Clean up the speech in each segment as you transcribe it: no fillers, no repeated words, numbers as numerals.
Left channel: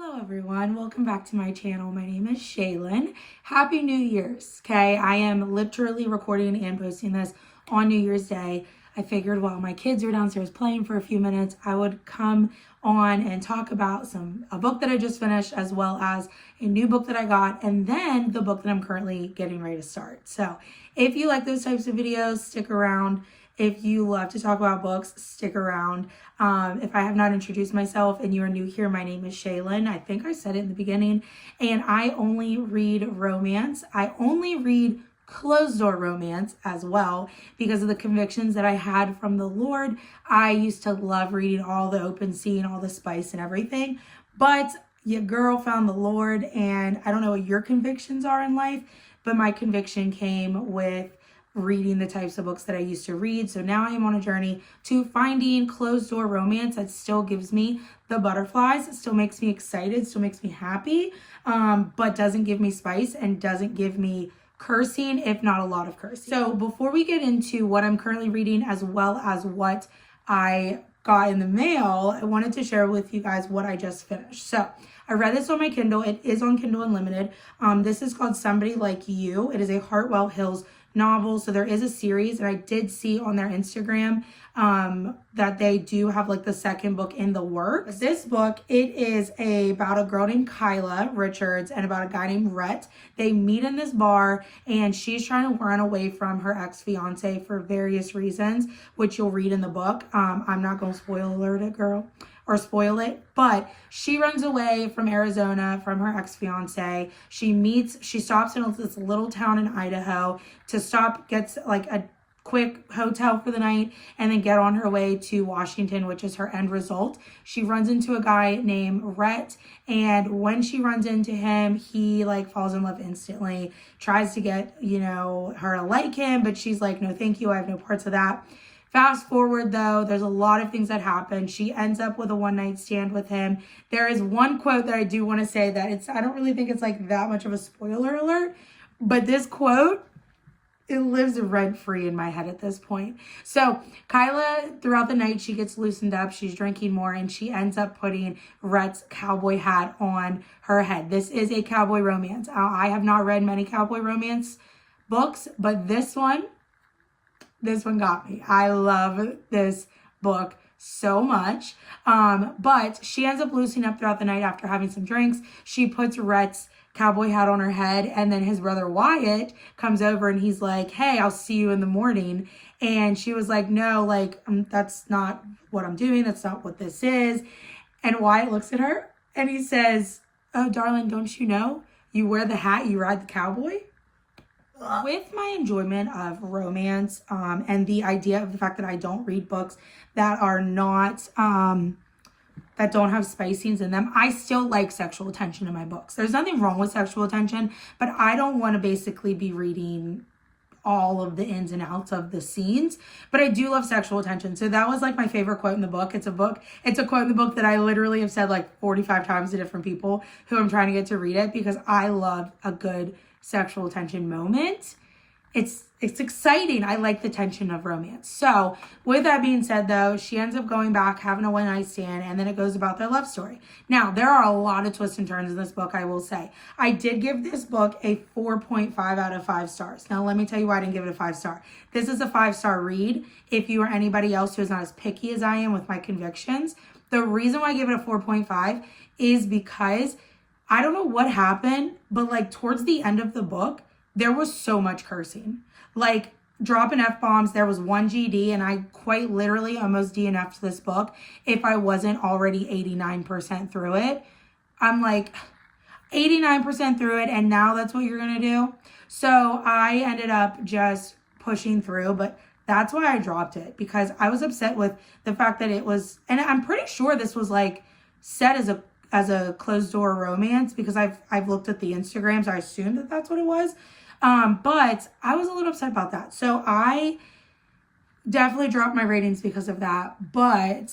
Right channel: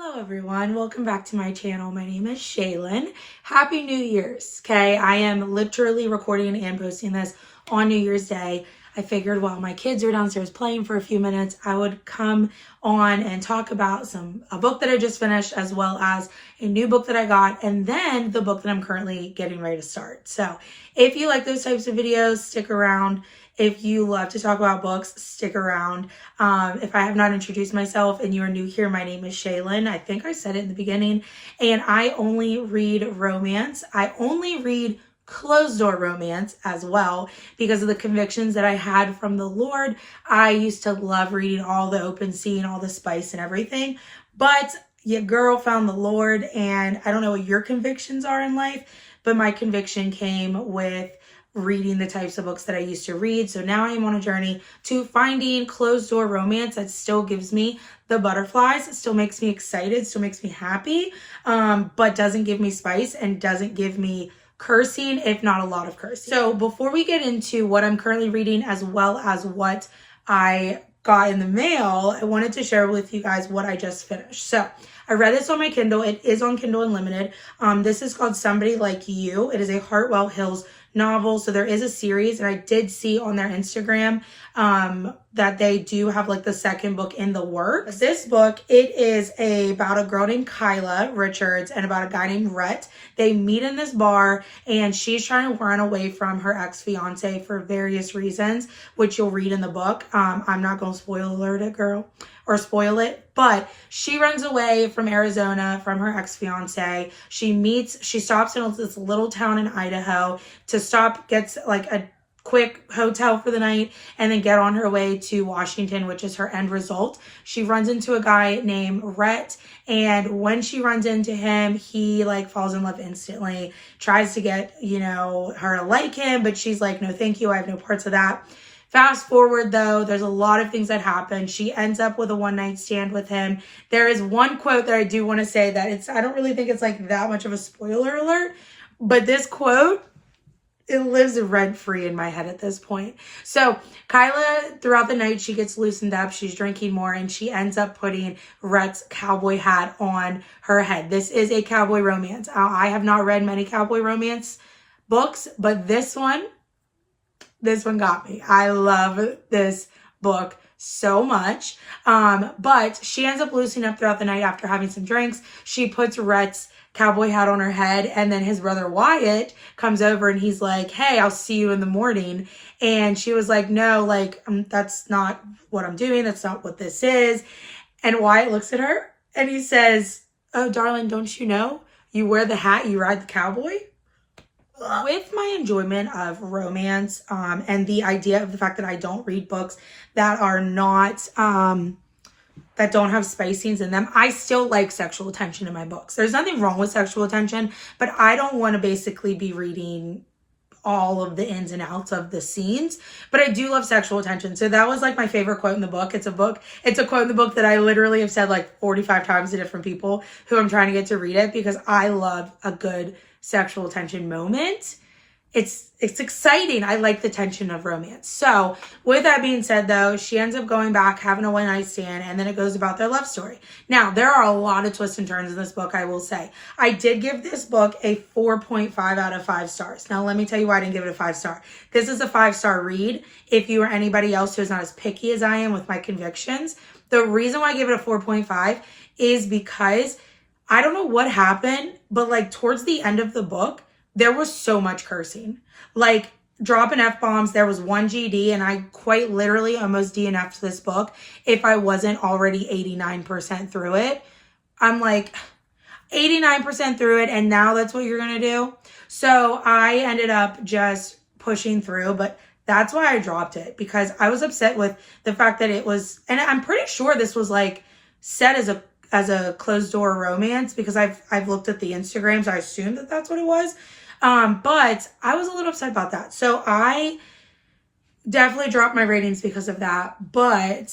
Hello everyone, welcome back to my channel. My name is Shaylin. Happy New Year's, okay? I am literally recording and posting this on New Year's Day. I figured while my kids were downstairs playing for a few minutes, I would come on and talk about a book that I just finished, as well as a new book that I got, and then the book that I'm currently getting ready to start. So if you like those types of videos, stick around. If you love to talk about books, stick around. If I have not introduced myself and you are new here, my name is Shaylin. I think I said it in the beginning. And I only read romance. I only read closed door romance as well because of the convictions that I had from the Lord. I used to love reading all the open sea and all the spice and everything. But your girl found the Lord, and I don't know what your convictions are in life, but my conviction came with reading the types of books that I used to read. So now I am on a journey to finding closed door romance that still gives me the butterflies, it still makes me excited, still makes me happy, but doesn't give me spice and doesn't give me cursing, if not a lot of cursing. So before we get into what I'm currently reading, as well as what I got in the mail, I wanted to share with you guys what I just finished. So I read this on my Kindle. It is on Kindle Unlimited. This is called Somebody Like You. It is a Hartwell Hills novel. So there is a series, and I did see on their Instagram that they do have like the second book in the works. This book, it is about a girl named Kyla Richards and about a guy named Rhett. They meet in this bar, and she's trying to run away from her ex-fiance for various reasons, which you'll read in the book. I'm not going to spoil alert it, girl, or spoil it, but she runs away from Arizona from her ex-fiance. She stops in this little town in Idaho to stop, gets like a quick hotel for the night, and then get on her way to Washington, which is her end result. She runs into a guy named Rhett, and when she runs into him, he like falls in love instantly, tries to get, her to like him, but she's like, no, thank you. I have no parts of that. Fast forward though, there's a lot of things that happen. She ends up with a one-night stand with him. There is one quote that I do want to say that I don't really think it's like that much of a spoiler alert, but this quote, it lives rent-free in my head at this point. So Kyla, throughout the night, she gets loosened up. She's drinking more, and she ends up putting Rhett's cowboy hat on her head. This is a cowboy romance. I have not read many cowboy romance books, but this one got me. I love this book so much. But she ends up loosening up throughout the night after having some drinks. She puts Rhett's cowboy hat on her head, and then his brother Wyatt comes over and he's like, hey, I'll see you in the morning. And she was like, no, like, that's not what I'm doing. That's not what this is. And Wyatt looks at her and he says, oh, darling, don't you know? You wear the hat, you ride the cowboy. With my enjoyment of romance and the idea of the fact that I don't read books that are not, that don't have spice scenes in them, I still like sexual tension in my books. There's nothing wrong with sexual tension, but I don't want to basically be reading all of the ins and outs of the scenes, but I do love sexual tension. So that was like my favorite quote in the book. It's a quote in the book that I literally have said like 45 times to different people who I'm trying to get to read it, because I love a good sexual tension moment. It's exciting. I like the tension of romance. So with that being said though, she ends up going back, having a one-night stand, and then it goes about their love story. Now, there are a lot of twists and turns in this book, I will say. I did give this book a 4.5 out of 5 stars. Now, let me tell you why I didn't give it a 5-star. This is a 5-star read. If you or anybody else who is not as picky as I am with my convictions, the reason why I give it a 4.5 is because I don't know what happened, but like towards the end of the book, there was so much cursing, like dropping F-bombs. There was one GD, and I quite literally almost DNF'd this book if I wasn't already 89% through it. I'm like 89% through it, and now that's what you're going to do. So I ended up just pushing through, but that's why I dropped it, because I was upset with the fact that it was, and I'm pretty sure this was like set as a closed door romance, because I've looked at the Instagram, so I assumed that that's what it was. But I was a little upset about that. So I definitely dropped my ratings because of that. But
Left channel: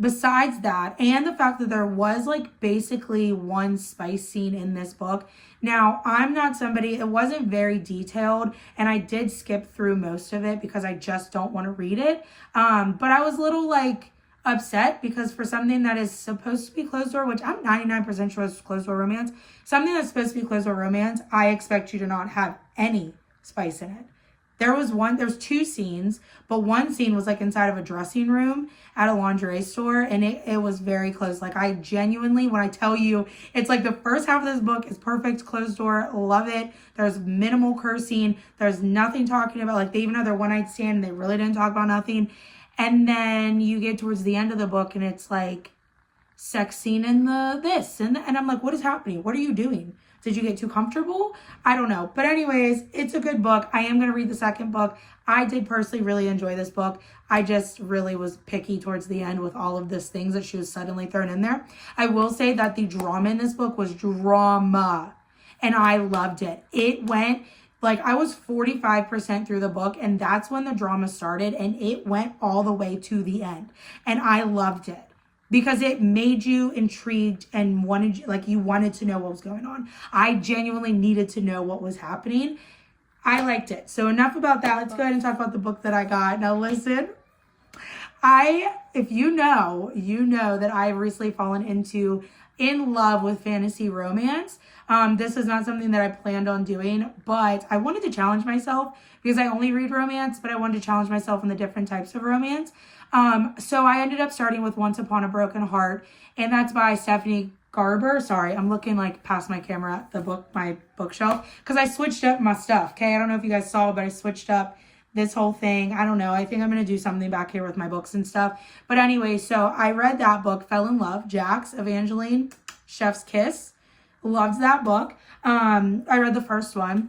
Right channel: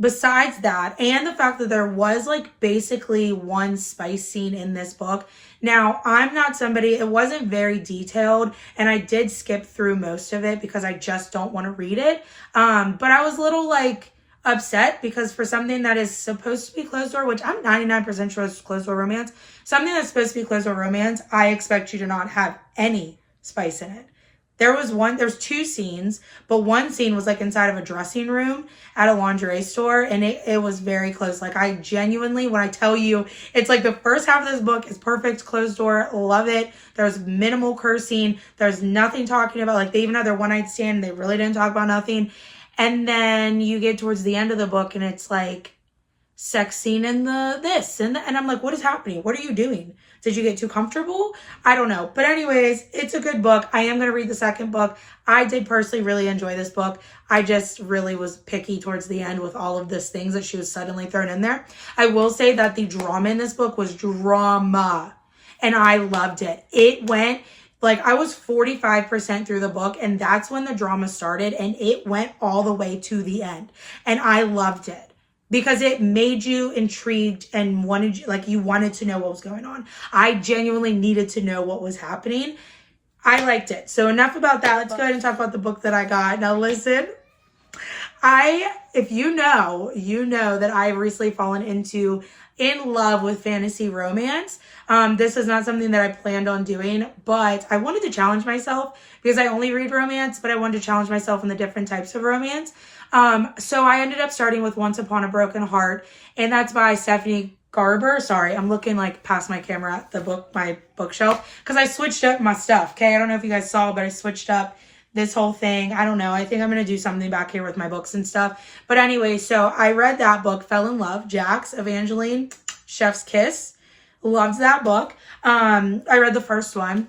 besides that, and the fact that there was like basically one spice scene in this book. Now, I'm not somebody, it wasn't very detailed, and I did skip through most of it because I just don't want to read it. But I was a little like, upset because for something that is supposed to be closed door, which I'm 99% sure is closed door romance, something that's supposed to be closed door romance, I expect you to not have any spice in it. There's two scenes, but one scene was like inside of a dressing room at a lingerie store, and it was very close. Like, I genuinely, when I tell you, it's like the first half of this book is perfect, closed door, love it. There's minimal cursing. There's nothing talking about, like, they even had their one night stand, and they really didn't talk about nothing. And then you get towards the end of the book, and it's like sex scene in this, and I'm like, what is happening? What are you doing? Did you get too comfortable? I don't know. But anyways, it's a good book. I am going to read the second book. I did personally really enjoy this book. I just really was picky towards the end with all of this things that she was suddenly thrown in there. I will say that the drama in this book was drama, and I loved it. It went, like, I was 45% through the book, and that's when the drama started, and it went all the way to the end. And I loved it, because it made you intrigued and you wanted to know what was going on. I genuinely needed to know what was happening. I liked it. So enough about that. Let's go ahead and talk about the book that I got. Now listen, if you know that I've recently fallen in love with fantasy romance. This is not something that I planned on doing, but I wanted to challenge myself because I only read romance, but I wanted to challenge myself in the different types of romance. So I ended up starting with Once Upon a Broken Heart, and that's by Stephanie Garber. Sorry, I'm looking like past my camera at my bookshelf, because I switched up my stuff. Okay, I don't know if you guys saw, but I switched up this whole thing. I don't know. I think I'm going to do something back here with my books and stuff. But anyway, so I read that book, fell in love. Jax, Evangeline, Chef's Kiss. Loved that book. I read the first one.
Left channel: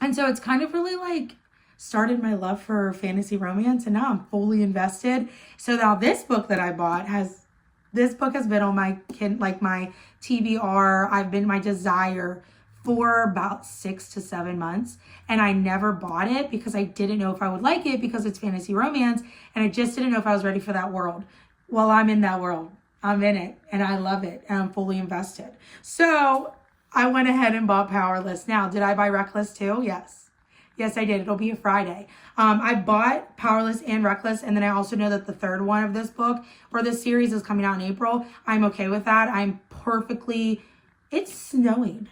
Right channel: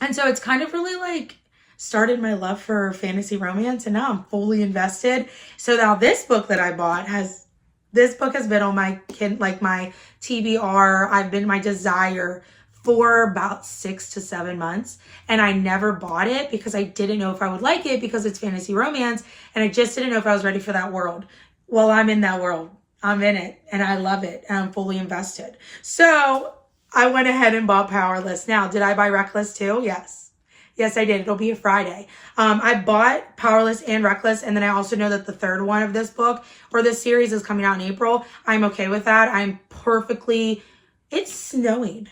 And so it's kind of really like started my love for fantasy romance, and now I'm fully invested. So now this book that I bought has been on my my TBR. I've been my desire for about 6 to 7 months, and I never bought it because I didn't know if I would like it because it's fantasy romance, and I just didn't know if I was ready for that world. Well, I'm in that world. I'm in it, and I love it, and I'm fully invested. So I went ahead and bought Powerless. Now, did I buy Reckless too? Yes. Yes, I did. It'll be a Friday. I bought Powerless and Reckless, and then I also know that the third one of this book or this series is coming out in April. I'm okay with that. It's snowing.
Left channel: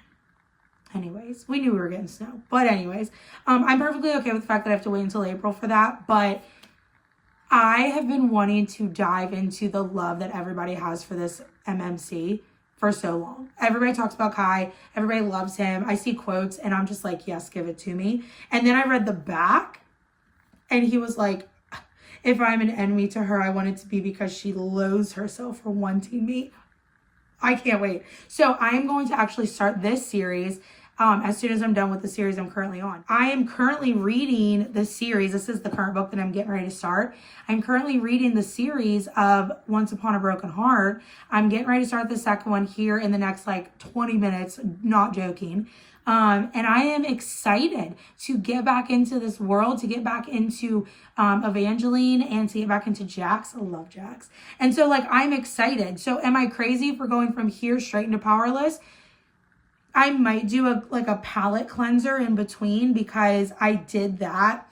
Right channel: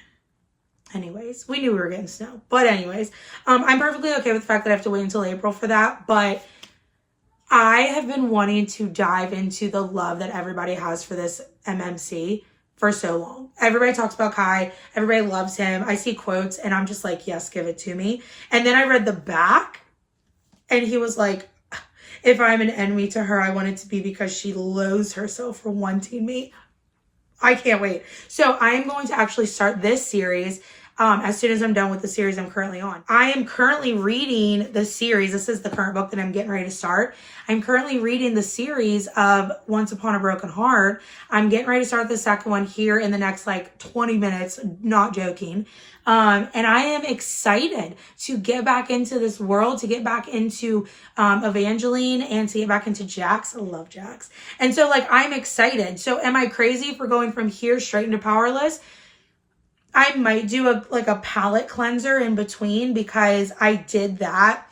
Anyways, we knew we were getting snow. But anyways, I'm perfectly okay with the fact that I have to wait until April for that. But I have been wanting to dive into the love that everybody has for this MMC for so long. Everybody talks about Kai. Everybody loves him. I see quotes and I'm just like, yes, give it to me. And then I read the back and he was like, if I'm an enemy to her, I want it to be because she loathes herself for wanting me. I can't wait. So I am going to actually start this series as soon as I'm done with the series I'm currently on. I am currently reading the series. This is the current book that I'm getting ready to start. I'm currently reading the series of Once Upon a Broken Heart. I'm getting ready to start the second one here in the next 20 minutes, not joking. And I am excited to get back into this world, to get back into Evangeline, and to get back into Jax. I love Jax. And so I'm excited. So am I crazy for going from here straight into Powerless? I might do a palette cleanser in between, because I did that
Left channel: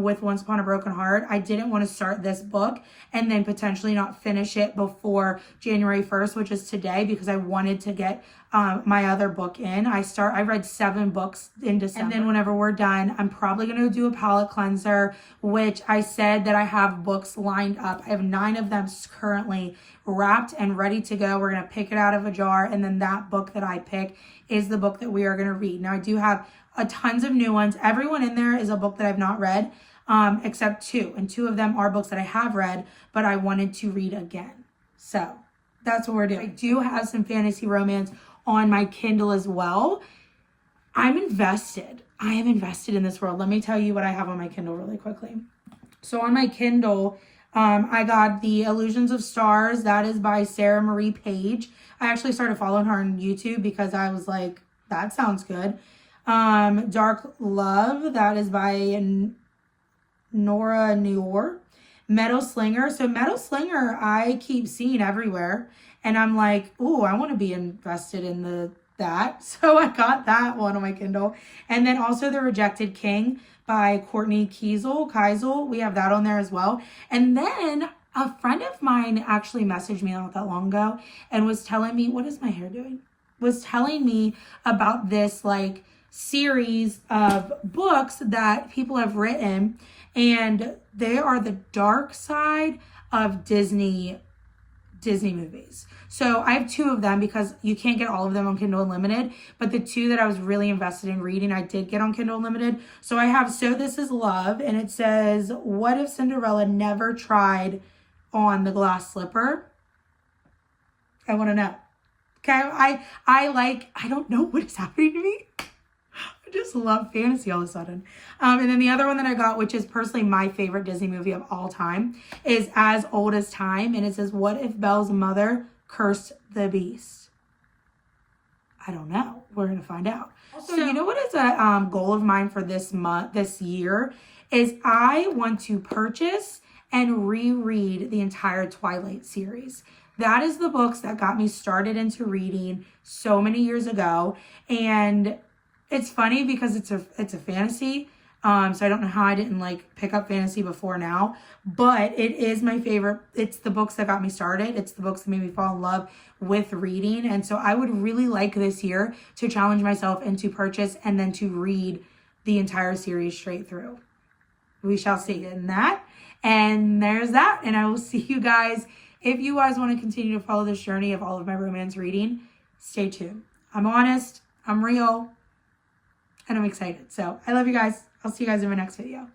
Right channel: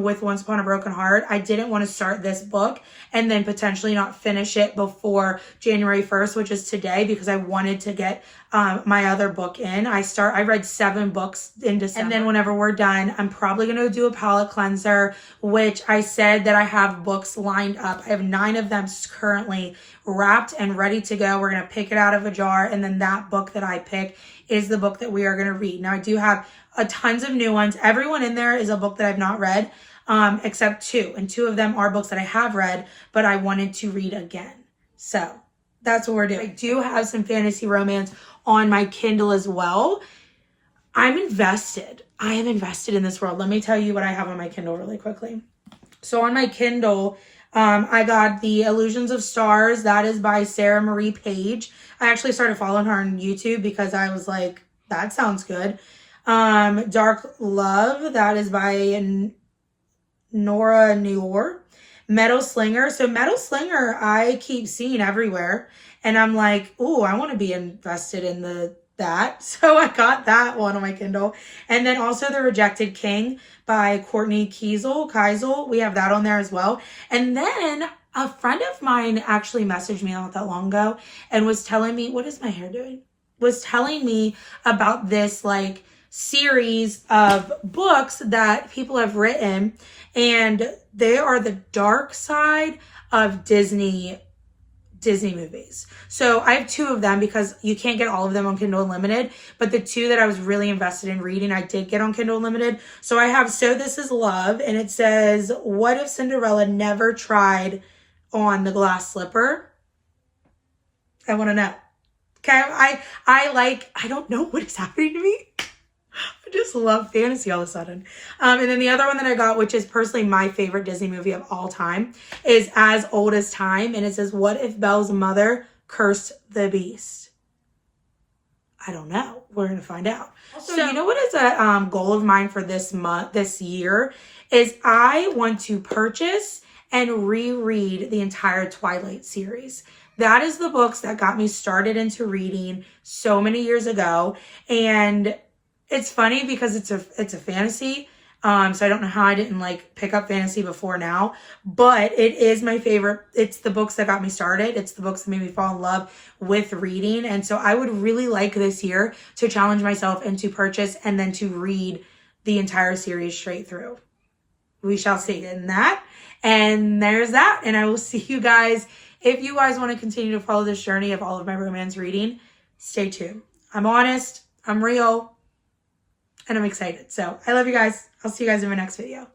with Once Upon a Broken Heart. I didn't want to start this book and then potentially not finish it before January 1st, which is today, because I wanted to get my other book in. I read 7 books in December. And then whenever we're done, I'm probably going to do a palette cleanser, which I said that I have books lined up. I have 9 of them currently wrapped and ready to go. We're going to pick it out of a jar, and then that book that I pick is the book that we are going to read. Now, I do have tons of new ones. Everyone in there is a book that I've not read, except 2. And 2 of them are books that I have read, but I wanted to read again. So that's what we're doing. I do have some fantasy romance on my Kindle as well. I'm invested. I am invested in this world. Let me tell you what I have on my Kindle really quickly. So on my Kindle, I got The Illusions of Stars. That is by Sarah Marie Page. I actually started following her on YouTube because I was like, that sounds good. Dark Love. That is by Nora Noor. Meadow Slinger. So Meadow Slinger, I keep seeing everywhere. And I'm like, ooh, I want to be invested in that. So I got that one on my Kindle. And then also The Rejected King by Courtney Kiesel. We have that on there as well. And then A friend of mine actually messaged me not that long ago and was telling me, what is my hair doing? Was telling me about this like series of books that people have written, and they are the dark side of Disney movies. So I have two of them because you can't get all of them on Kindle Unlimited, but the two that I was really invested in reading, I did get on Kindle Unlimited. So I have So This Is Love, and it says, what if Cinderella never tried on the glass slipper? I want to know. Okay, I don't know what is happening to me. I just love fantasy all of a sudden. And then the other one that I got, which is personally my favorite Disney movie of all time, is As Old as Time. And it says, what if Belle's mother cursed the beast? I don't know. We're going to find out. So you know what is a goal of mine for this year is I want to purchase and reread the entire Twilight series. That is the books that got me started into reading so many years ago. And it's funny because it's a fantasy. So I don't know how I didn't like pick up fantasy before now, but it is my favorite. It's the books that got me started. It's the books that made me fall in love with reading. And so I would really like this year to challenge myself and to purchase and then to read the entire series straight through. We shall see in that. And there's that. And I will see you guys. If you guys want to continue to follow this journey of all of my romance reading, stay tuned. I'm honest, I'm real, and I'm excited. So I love you guys. I'll see you guys in my next video.